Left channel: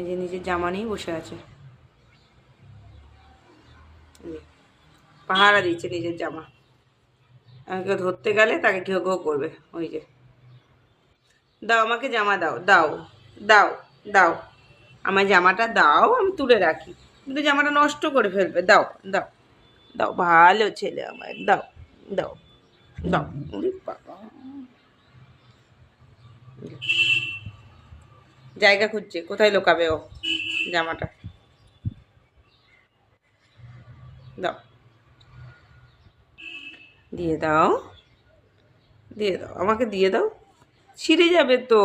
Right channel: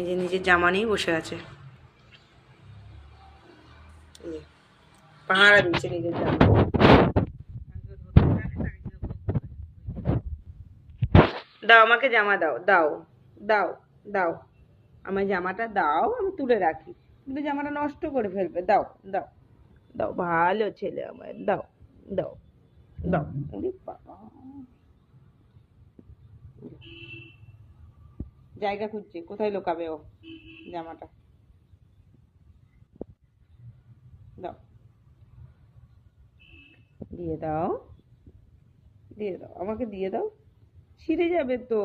এই যে নিজের জামা নিয়ে বসে আছে, পাহারা দিচ্ছে নিজের জামা। আমাকে ধরতে গেলে তাকে ঘেউ ঘেউ করবে। ওই যে, দাও আমাকে জামা, দাও দাও দাও দাও, আমার জামাটা দাও, আমি তুলে রাখি, কিন্তু জামাটা নষ্ট করে ফেলবে। দাও দাও দাও, ভালো ছেলে আমার, দাও দাও দাও। বাবা, জায়গা খুঁজছে কোথায় লুকাবে ও জামাটা। দাও, দিয়ে দাও, দিয়ে দাও, আমাকে দিয়ে দাও, ছিঁড়ে যাবে তো।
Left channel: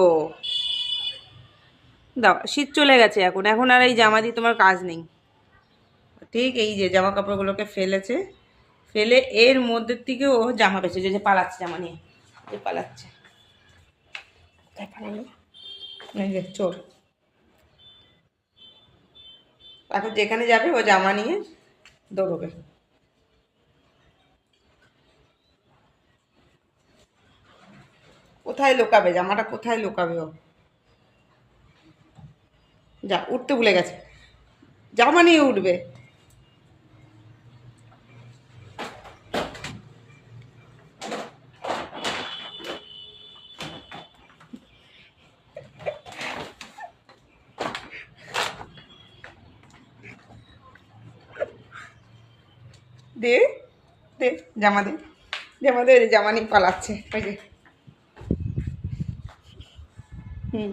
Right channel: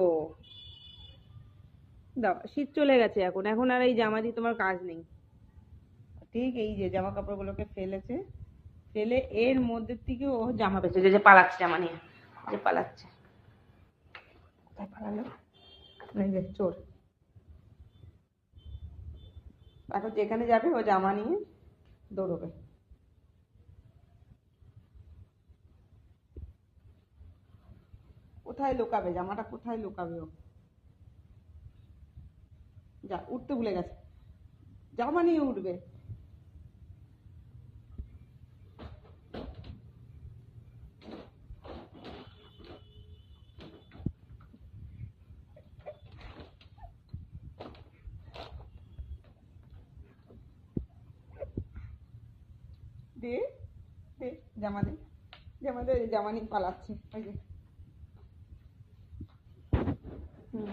দাও, শীত চলে গেছে এখন, এখন আর এই জামা দিয়ে তোমার কাজ নেই। ঠিক এই যে জামা কাপড়গুলোকে ফেলেছে, ফেলে এর মধ্যে থেকে ও জামা বেঁচেছে, যে পালাচ্ছে জামা নিয়ে, যে পালাচ্ছে। কোথায় পালালো? এই যে চোর। এখন যেখানে যাবে ও জামা নিয়ে দৌড়বে। কোথায় লুকাবে জামাটা, কোথায় লুকাবে ও? যা, উঠতে ভুলে গেছে, জামা নিয়ে উঠবে। দে দে জামা, দে জামা, দে, জামা নিয়ে পালাচ্ছে। ওই যে, হুম।